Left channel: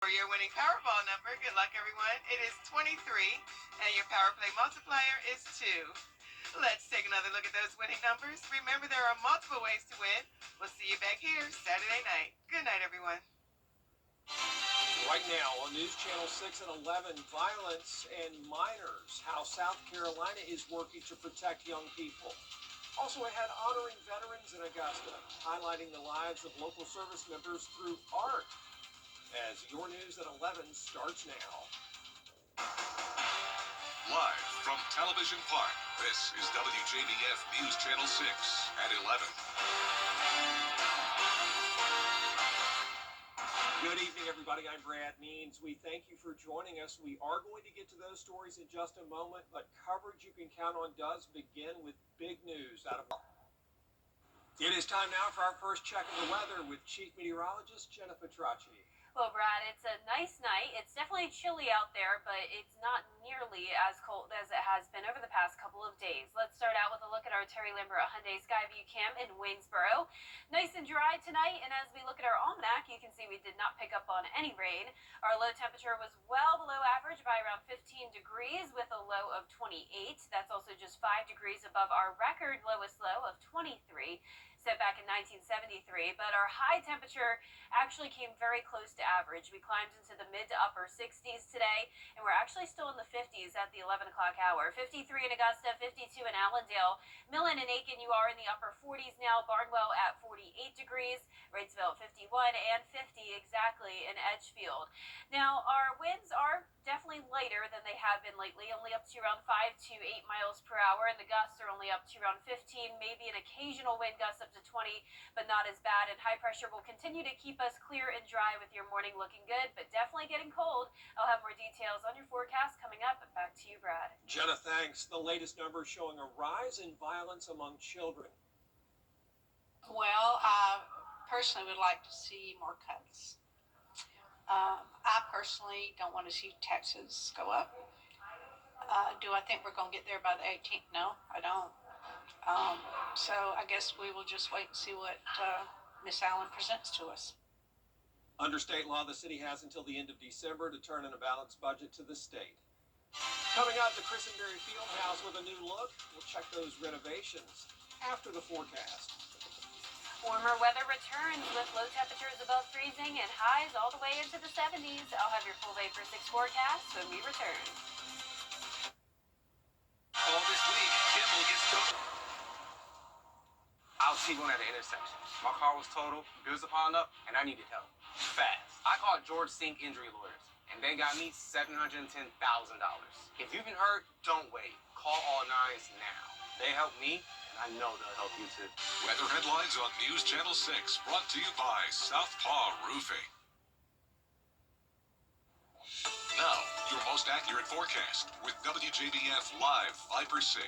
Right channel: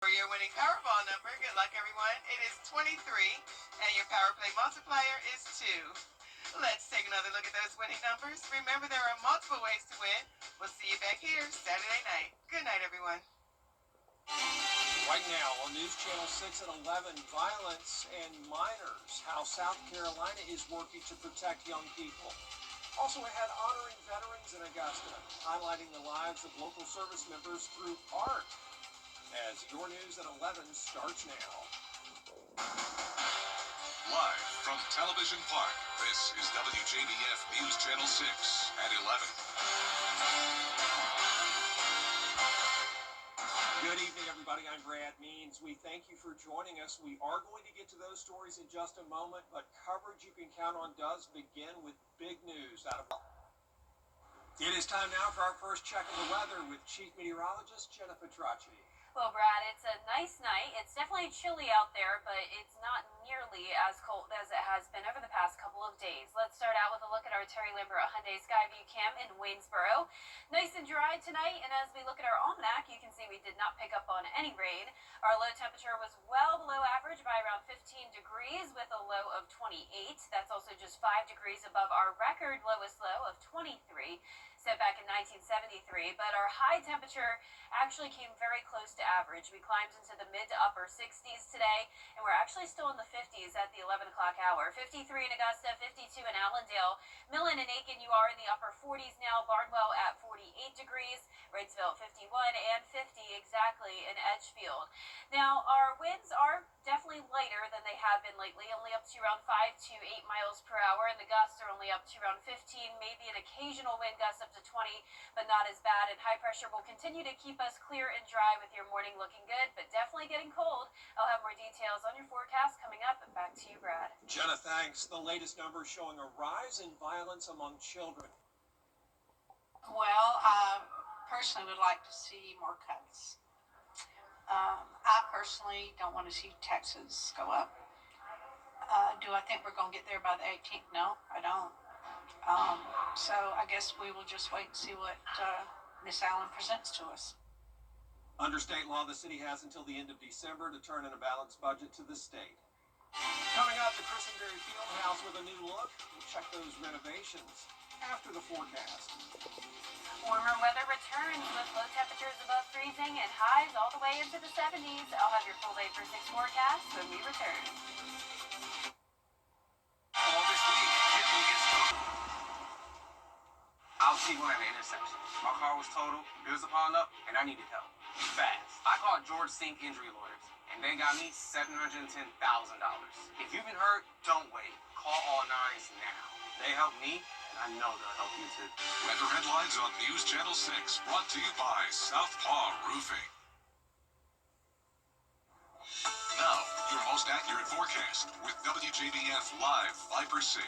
For your winning Powerball number, good luck everyone. It is 23, and your Power Play multiplier is 2. Let's take another look at those winning numbers. Remember, there are multiple ways to win. We'll see you back here Saturday night. Good night, everyone. Right now on News Channel 6 at 11, violence and minors, how South Carolina is working to protect young people. Also ahead, honoring veterans in Augusta, highlighting the lives of local service members through art. As your news at 11 starts now. Live from Television Park, this is WJBF News Channel 6 at 11. Good evening, everybody. I'm Brad Means. We thank you for joining us. We are going to get to those stories in just a moment, but coverage you can count on does begin with big news out of. It is time now for our first check of the weather with Chief Meteorologist Jenna Petracci. Well, Brad, it's a nice night. It's definitely chilly out there, but it's not nearly as cold as it has been over the past couple of days. Let's start out with a look at our Terry Lambert Hyundai Skyview Cam in Waynesboro. Nice and dry tonight, and as we look at our almanac, you can see we did not pick up on any rain. Our low temperature was well below average by around 15 degrees with a low of 28. That's also just 5 degrees above our record lowest low of 23. Set back in 1973, but our high temperature actually came very close to average. We climbed into the mid to upper 60s today, and we're actually still in the 50s at the 11 o'clock hour. 53 in Augusta, 52 in Allendale. Millen and Aiken, you are in the upper 40s now. Barnwell at 48 degrees. Wrightsville 51 and 50 exactly in Edgefield. Now, our winds are definitely lighter than they have been lately, only up to around 5 to 8 miles per hour, and the gusts are only up to around 15, maybe an occasional wind gust up to 20, but not as bad. And high pressure will continue to keep us clear and dry with your morning looking good, but definitely getting cold. I'll have more details on your forecast coming up, and back to you, Brad. Jenna, thanks. The latest numbers showing a rise in violence among children. Well, I personally would like to see more cuts. I personally don't want to see taxes go up. Do I think we're going to get there by the 18th? No, I don't. So I guess we will just wait and see what Miss Allen presents to us. Under state law, the city has until the end of December to turn in a balanced budget to the state. Coming up, the Christenberry Fieldhouse with a new look. We'll check those renovations after the forecast. Warmer weather returns with low temperatures above freezing and highs all the way into the 70s. I'll have your full day for 6 forecast when we return. All this week, Kim will get started. I was T1 at the intersection. My car was totaled, bills are piling up, and I needed help. Fast. I called George Sink Injury Lawyers, and they got me $710,000. If you've been hurt, don't wait. Call all nines now. They helped me, and I know they'll help you too. Weather headlines on News Channel 6, brought to you by Southpaw Roofing. Now, your most accurate forecast with WJBF Live Viper 6.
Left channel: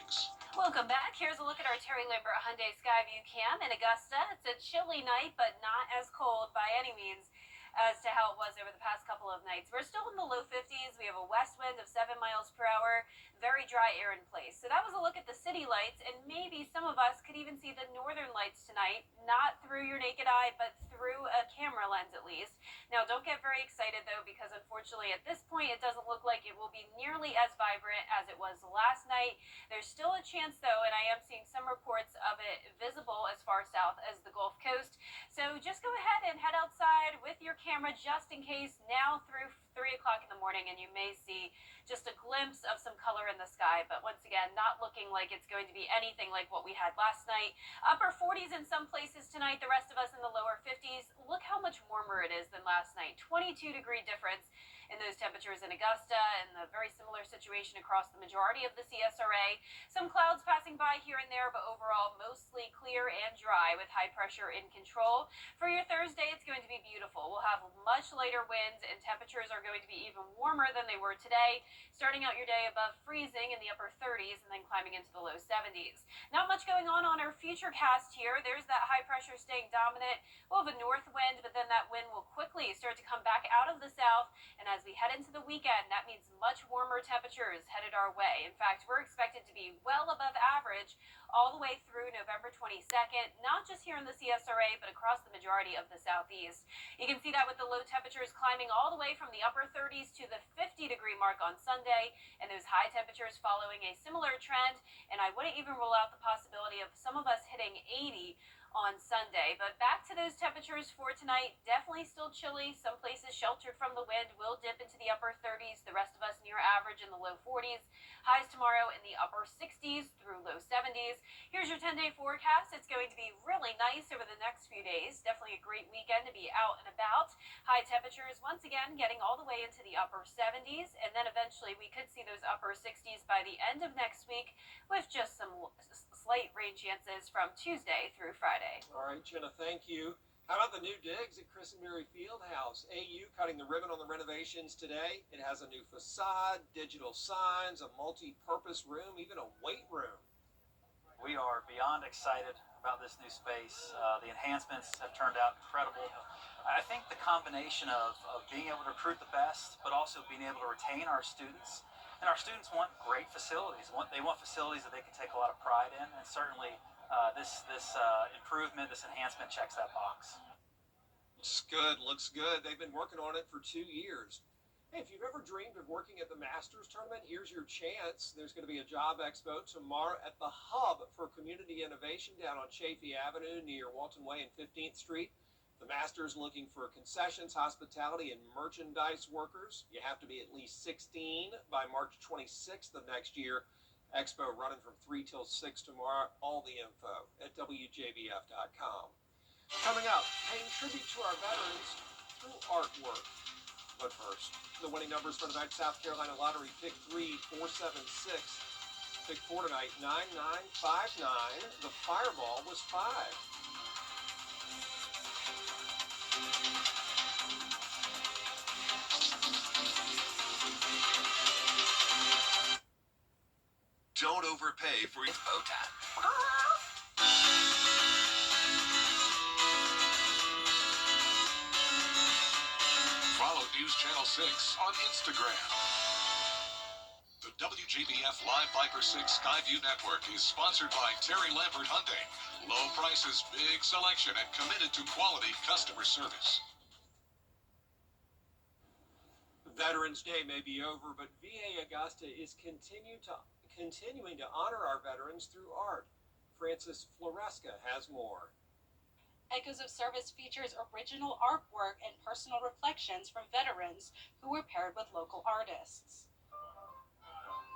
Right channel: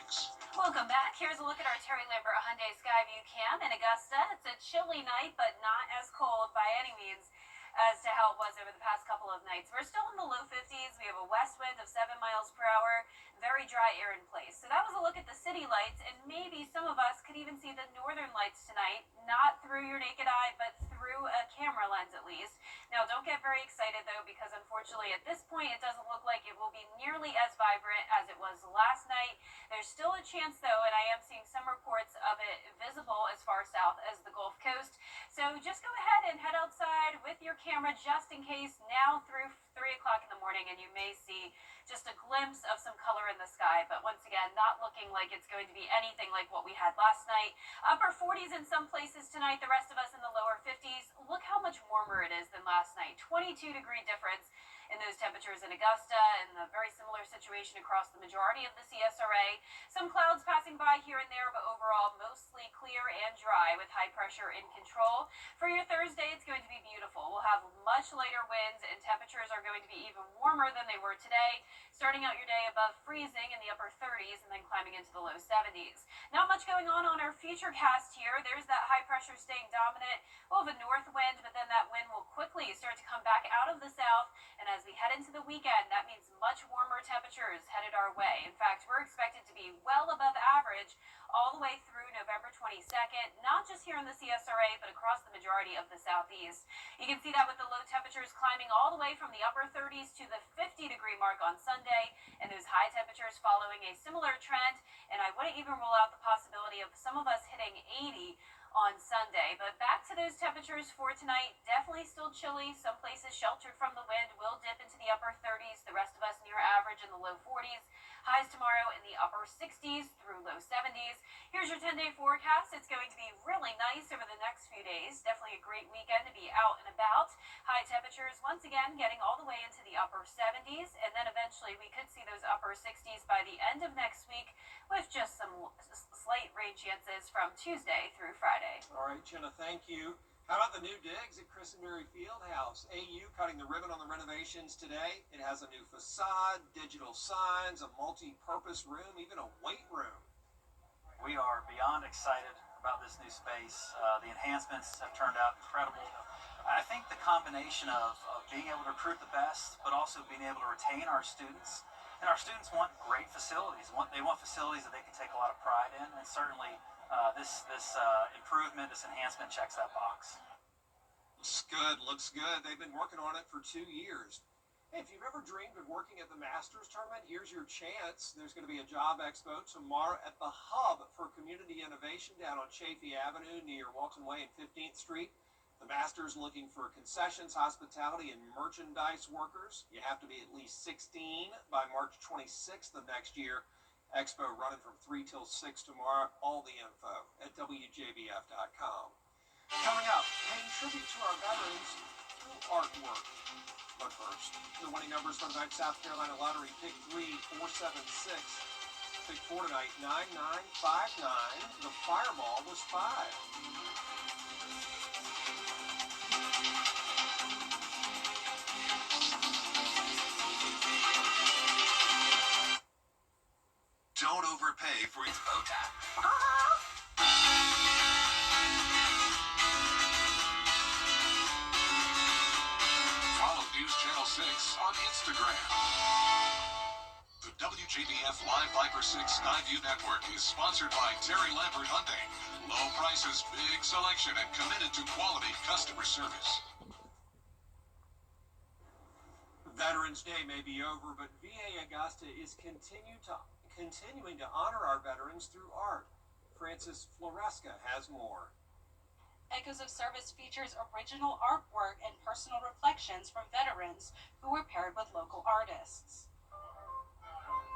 Welcome back. Here's a look at our Terry Lambert Hyundai Skyview Cam in Augusta. It's a chilly night, but not as cold by any means as to how it was over the past couple of nights. We're still in the low 50s. We have a west wind of 7 miles per hour, very dry air in place. So that was a look at the city lights, and maybe some of us could even see the northern lights tonight, not through your naked eye, but through a camera lens at least. Now, don't get very excited, though, because unfortunately at this point it doesn't look like it will be nearly as vibrant as it was last night. There's still a chance, though, and I am seeing some reports of it visible as far south as the Gulf Coast. So just go ahead and head outside with your camera just in case now through 3 o'clock in the morning, and you may see just a glimpse of some color in the sky, but once again, not looking like it's going to be anything like what we had last night. Upper 40s in some places tonight, the rest of us in the lower 50s. Look how much warmer it is than last night. 22-degree difference in those temperatures in Augusta, and a very similar situation across the majority of the CSRA. Some clouds passing by here and there, but overall mostly clear and dry with high pressure in control. For your Thursday, it's going to be beautiful. We'll have much lighter winds, and temperatures are going to be even warmer than they were today, starting out your day above freezing in the upper 30s and then climbing into the low 70s. Not much going on our future cast here. There's that high pressure staying dominant. We'll have a north wind, but then that wind will quickly start to come back out of the south, and as we head into the weekend, that means much warmer temperatures headed our way. In fact, we're expected to be well above average all the way through November 22nd, not just here in the CSRA, but across the majority of the Southeast. You can see that with the low temperatures climbing all the way from the upper 30s to the 50-degree mark on Sunday, and those high temperatures following a similar trend. And I wouldn't even rule out the possibility of some of us hitting 80 on Sunday. But back to those temperatures for tonight, definitely still chilly. Some places sheltered from the wind will dip into the upper 30s. The rest of us near average in the low 40s. Highs tomorrow in the upper 60s through low 70s. Here's your 10-day forecast. It's going to be really nice over the next few days. Definitely a great weekend to be out and about. High temperatures once again getting all the way into the upper 70s, and then eventually we could see those upper 60s by the end of next week, with just some slight rain chances from Tuesday through Friday. All right, Jenna, thank you. How about the new digs at Christenberry Fieldhouse? AU cutting the ribbon on the renovations today. It has a new facade, digital signs, a multi-purpose room, even a weight room. We are beyond excited about this new space. The enhancements have turned out incredible. I think the combination of being able to recruit the best, but also being able to retain our students. And our students want great facilities. They want facilities that they can take a lot of pride in, and certainly this improvement, this enhancement checks that box. Looks good. They've been working on it for 2 years. Hey, if you've ever dreamed of working at the Masters Tournament, here's your chance. There's going to be a job expo tomorrow at the Hub for Community Innovation down on Chafee Avenue near Walton Way and 15th Street. The Masters looking for concessions, hospitality, and merchandise workers. You have to be at least 16 by March 26th of next year. Expo running from 3 till 6 tomorrow. All the info at WJBF.com. Coming up, paying tribute to our veterans through artwork. But first, the winning numbers for tonight's South Carolina Lottery. Pick 3, 476. Pick 4 tonight, 9959. The Fireball was 5. Don't overpay for It's bow time. Follow News Channel 6 on Instagram. The WJBF Live Viper 6 Skyview Network is sponsored by Terry Lambert Hyundai. Low prices, big selection, and committed to quality customer service. Veterans Day may be over, but VA Augusta is continuing to honor our veterans through art. Frances Floresca has more. Echoes of Service features original artwork and personal reflections from veterans who were paired with local artists.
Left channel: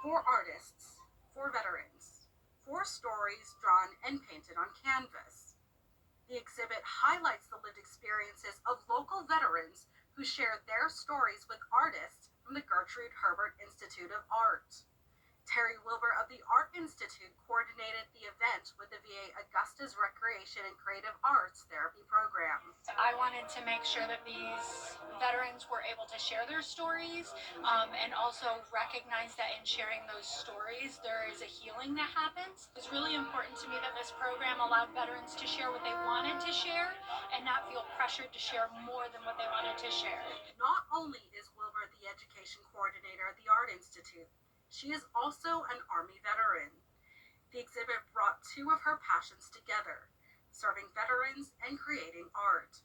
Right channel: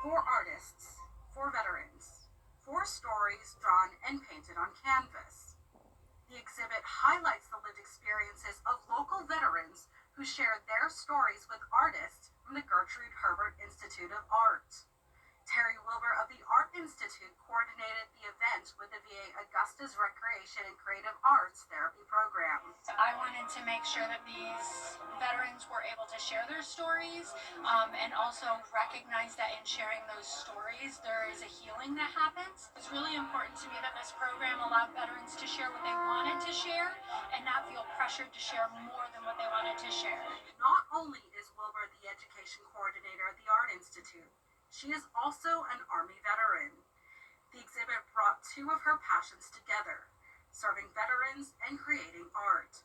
For artists, for veterans, 4 stories drawn and painted on canvas. The exhibit highlights the lived experiences of local veterans who shared their stories with artists from the Gertrude Herbert Institute of Art. Terry Wilbur of the Art Institute coordinated the event with the VA Augusta's Recreation and Creative Arts Therapy Program. I wanted to make sure that these veterans were able to share their stories and also recognize that in sharing those stories, there is a healing that happens. It's really important to me that this program allowed veterans to share what they wanted to share and not feel pressured to share more than what they wanted to share. Not only is Wilbur the education coordinator at the Art Institute, she is also an Army veteran. The exhibit brought 2 of her passions together, serving veterans and creating art.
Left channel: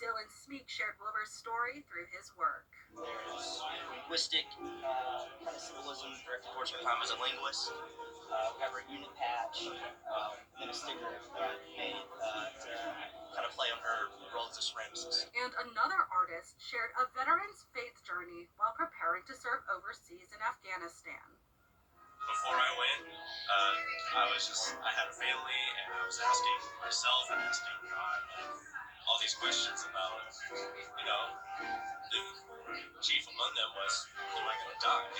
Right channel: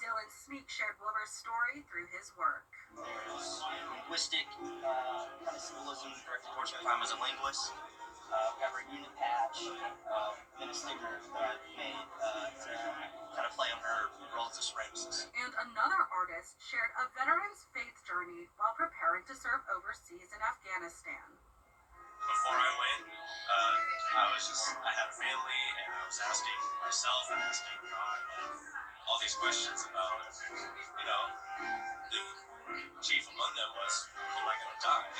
Dylan Smeek shared Wilbur's story through his work. There's linguistic kind of symbolism directed towards her time as a linguist. We have her unit patch, and a sticker that I made to kind of play on her role as a supremacist. And another artist shared a veteran's faith journey while preparing to serve overseas in Afghanistan. Before I went, I had a family, and I was asking myself and asking God, all these questions about, the chief among them was, am I going to die?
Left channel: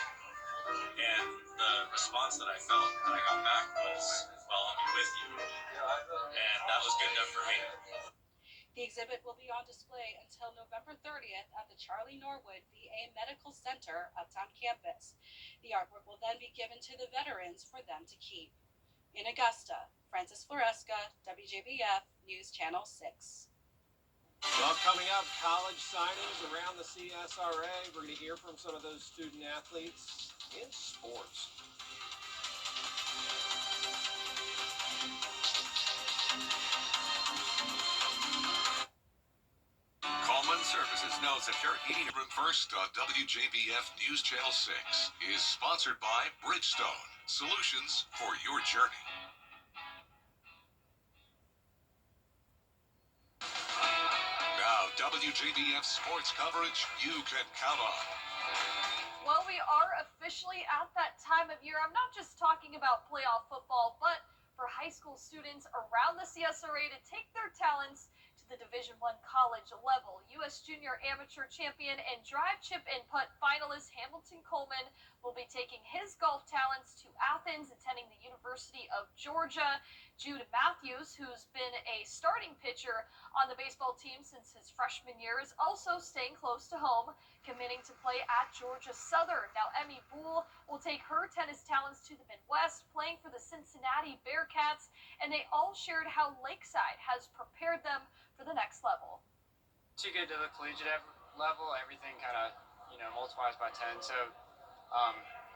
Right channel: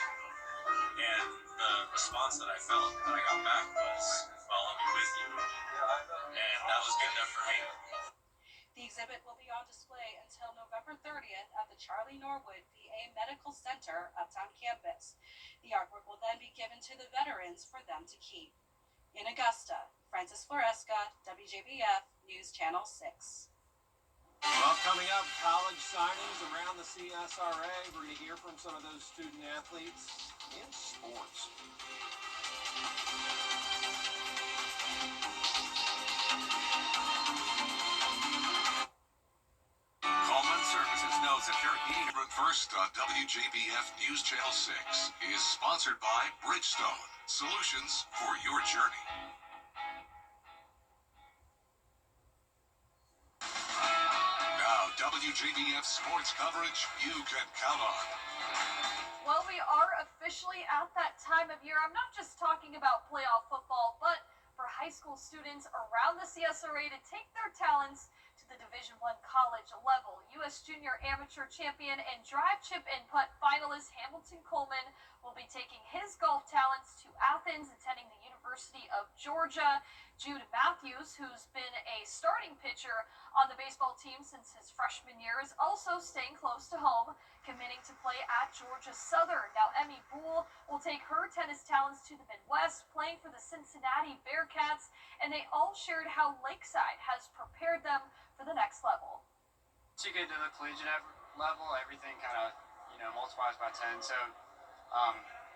And the response that I felt that I got back was, well, I'll be with you. And that was good enough for me. The exhibit will be on display until November 30th at the Charlie Norwood VA Medical Center Uptown campus. The artwork will then be given to the veterans for them to keep. In Augusta, Frances Floresca, WJBF News Channel 6. Well, coming up, college signings around the CSRA. We're going to hear from some of those student athletes in sports. Services notes that their heating first on WJBF News Channel 6 is sponsored by Bridgestone, solutions for your journey. Now, WJBF sports coverage you can count on. Well, we are officially at that time of year. I'm not just talking about playoff football, but for high school students around the CSRA to take their talents to the Division I college level. U.S. Junior Amateur Champion and Drive, Chip, and Putt finalist Hamilton Coleman will be taking his golf talents to Athens, attending the University of Georgia. Jude Matthews, who's been a starting pitcher on the baseball team since his freshman year, is also staying close to home, committing to play at Georgia Southern. Now, Emmy Boole will take her tennis talents to the Midwest, playing for the Cincinnati Bearcats, and they all shared how Lakeside has prepared them for the next level. Once you get to the collegiate level, everything kind of, multiplies by 10. So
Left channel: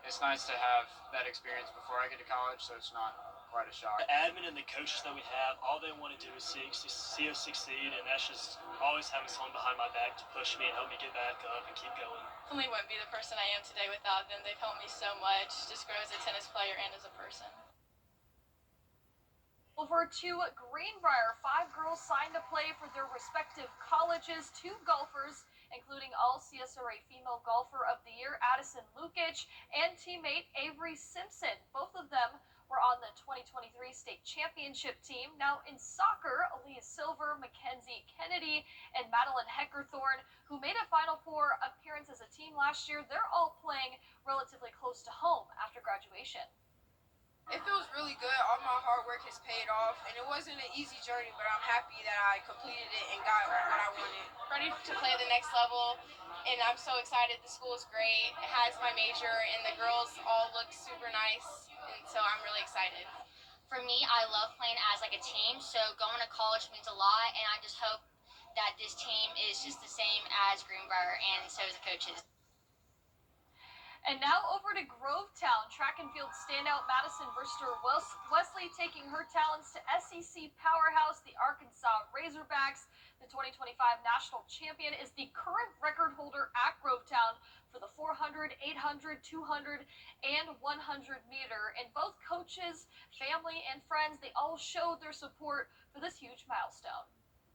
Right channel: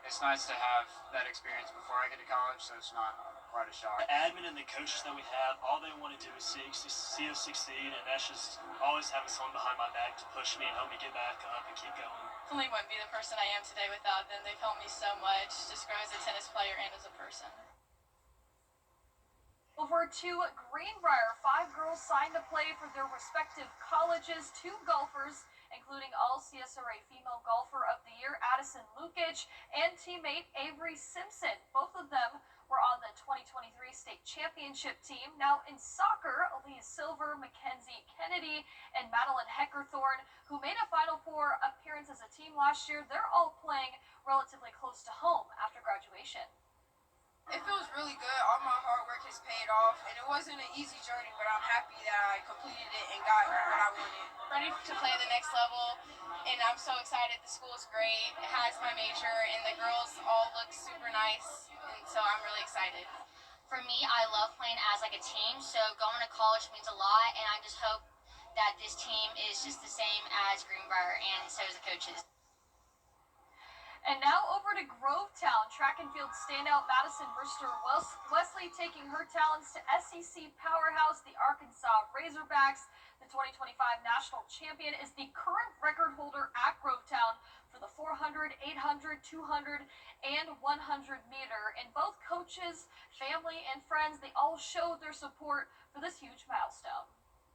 it's nice to have that experience before I get to college, so it's not quite a shock. The admin and the coaches that we have, all they want to do is see us succeed, and that's just always having someone behind my back to push me and help me get back up and keep going. Definitely wouldn't be the person I am today without them. They've helped me so much, just grow as a tennis player and as a person. Over to Greenbrier, 5 girls signed to play for their respective colleges. 2 golfers, including all CSRA Female Golfer of the Year Addison Lukic and teammate Avery Simpson. Both of them were on the 2023 state championship team. Now in soccer, Aaliyah Silver, Mackenzie Kennedy, and Madeline Heckerthorn, who made a Final Four appearance as a team last year, they're all playing relatively close to home after graduation. It feels really good. All my hard work has paid off, and it wasn't an easy journey, but I'm happy that I completed it and got what I wanted. Ready to play the next level, and I'm so excited. The school is great. It has my major, and the girls all look super nice, and so I'm really excited. For me, I love playing as like a team, so going to college means a lot, and I just hope that this team is just the same as Greenbrier, and so is the coaches. And now over to Grovetown, track and field standout Madison Brister Wesley taking her talents to SEC powerhouse, the Arkansas Razorbacks. The 2025 national champion is the current record holder at Grovetown for the 400, 800, 200, and 100 meter. And both coaches, family, and friends, they all showed their support for this huge milestone.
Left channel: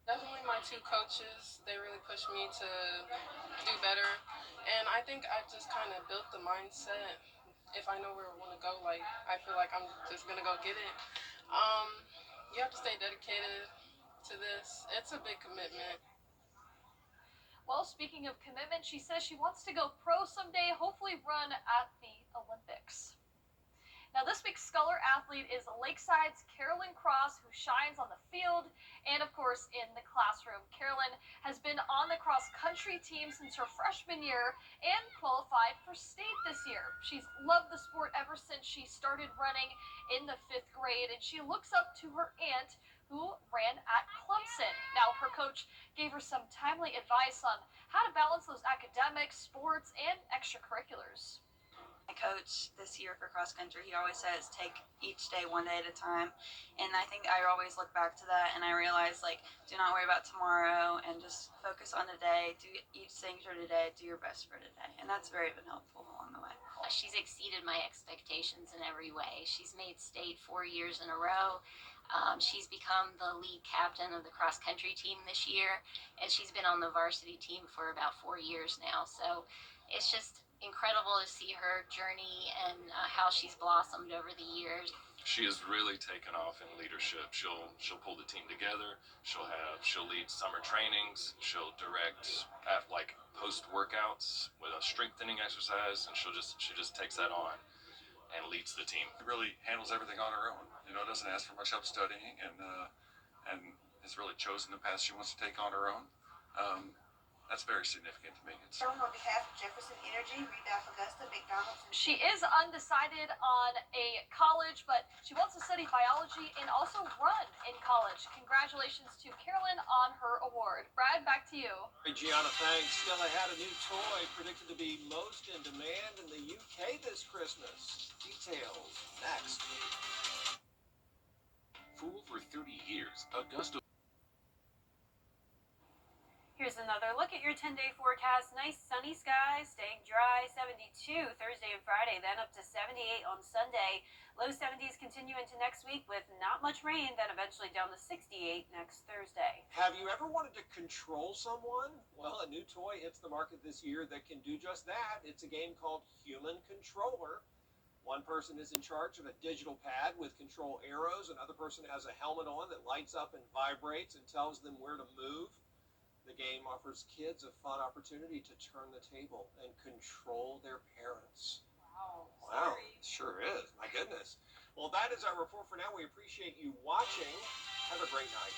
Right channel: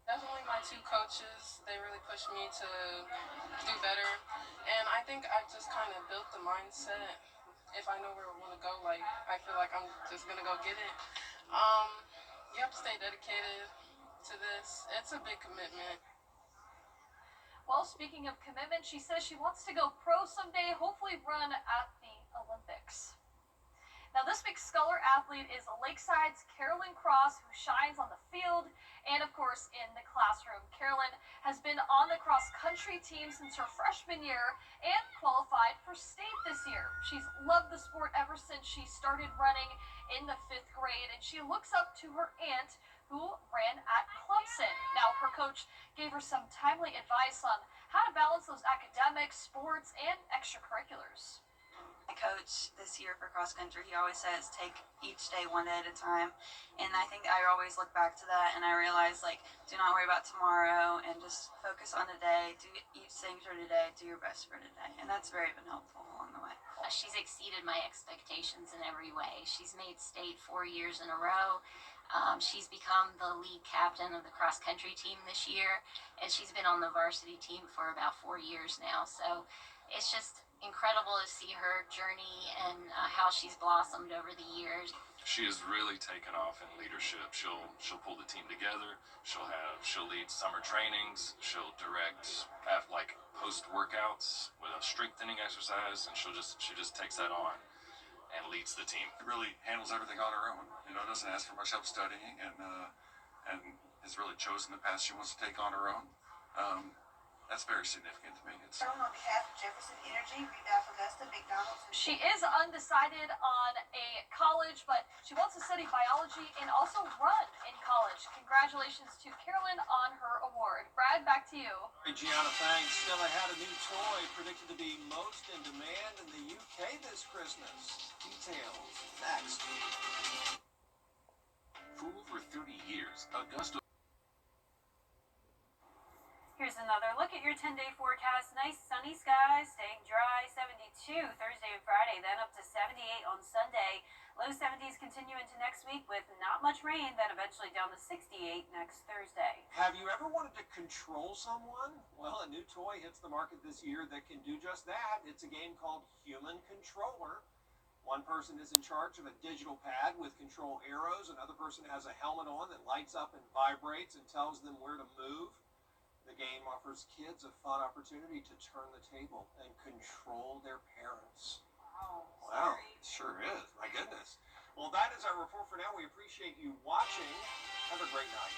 Definitely my 2 coaches, they really pushed me to do better. And I think I just kind of built the mindset. If I know where I want to go, like, I feel like I'm just going to go get it. You have to stay dedicated to this. It's a big commitment. Well, speaking of commitment, she says she wants to go pro someday, hopefully run at the Olympics. Now, this week's Sculler athlete is Lakeside's Carolyn Cross, who shines on the field and, of course, in the classroom. Carolyn has been on the cross-country team since her freshman year and qualified for state this year. She's loved the sport ever since she started running in the 5th grade, and she looks up to her aunt, who ran at Clemson. Now, her coach gave her some timely advice on how to balance those academics, sports, and extracurriculars. My coach this year for cross country, he always says take each day one day at a time, and I think I always look back to that and I realize, like, do not worry about tomorrow and just focus on today, do each thing for today, do your best for today, and that's very been helpful along the way. She's exceeded my expectations in every way. She's made state 4 years in a row. She's become the lead captain of the cross country team this year, and she's been on the varsity team for about 4 years now, so it's just incredible to see her journey and how she's blossomed over the years. She has really taken off in leadership. She'll pull the team together. She'll lead summer trainings. She'll direct like post workouts with a strengthening exercise, and she just takes that on and leads the team. Really handles everything on her own. Doesn't ask for much help studying, and has really chosen the path she wants to take on her own. That's very significant to me. On behalf of Jefferson Energy, Redive Augusta, McDonald's. She is undecided on a college, but she wants to study biology and also run in college. Congratulations to Carolyn on her award. Brad, back to you. Hey, Gianna, thanks. Stella had a new toy predicted to be most in demand in the UK this Christmas. Details next. For over 30 years, Augusta Here's another look at your 10-day forecast. Nice sunny skies, staying dry, 72 Thursday and Friday, then up to 78 on Sunday. Low 70s continue into next week with not much rain, then eventually down to 68 next Thursday. Have you ever wanted to control someone? Well, a new toy hits the market this year that can do just that. It's a game called Human Controller. One person is in charge of a digital pad with control arrows. Another person has a helmet on that lights up and vibrates and tells them where to move. The game offers kids a fun opportunity to turn the table and control their parents. Wow, it sure is. My goodness. Well, that is our report for now. We appreciate you watching. Have a great night.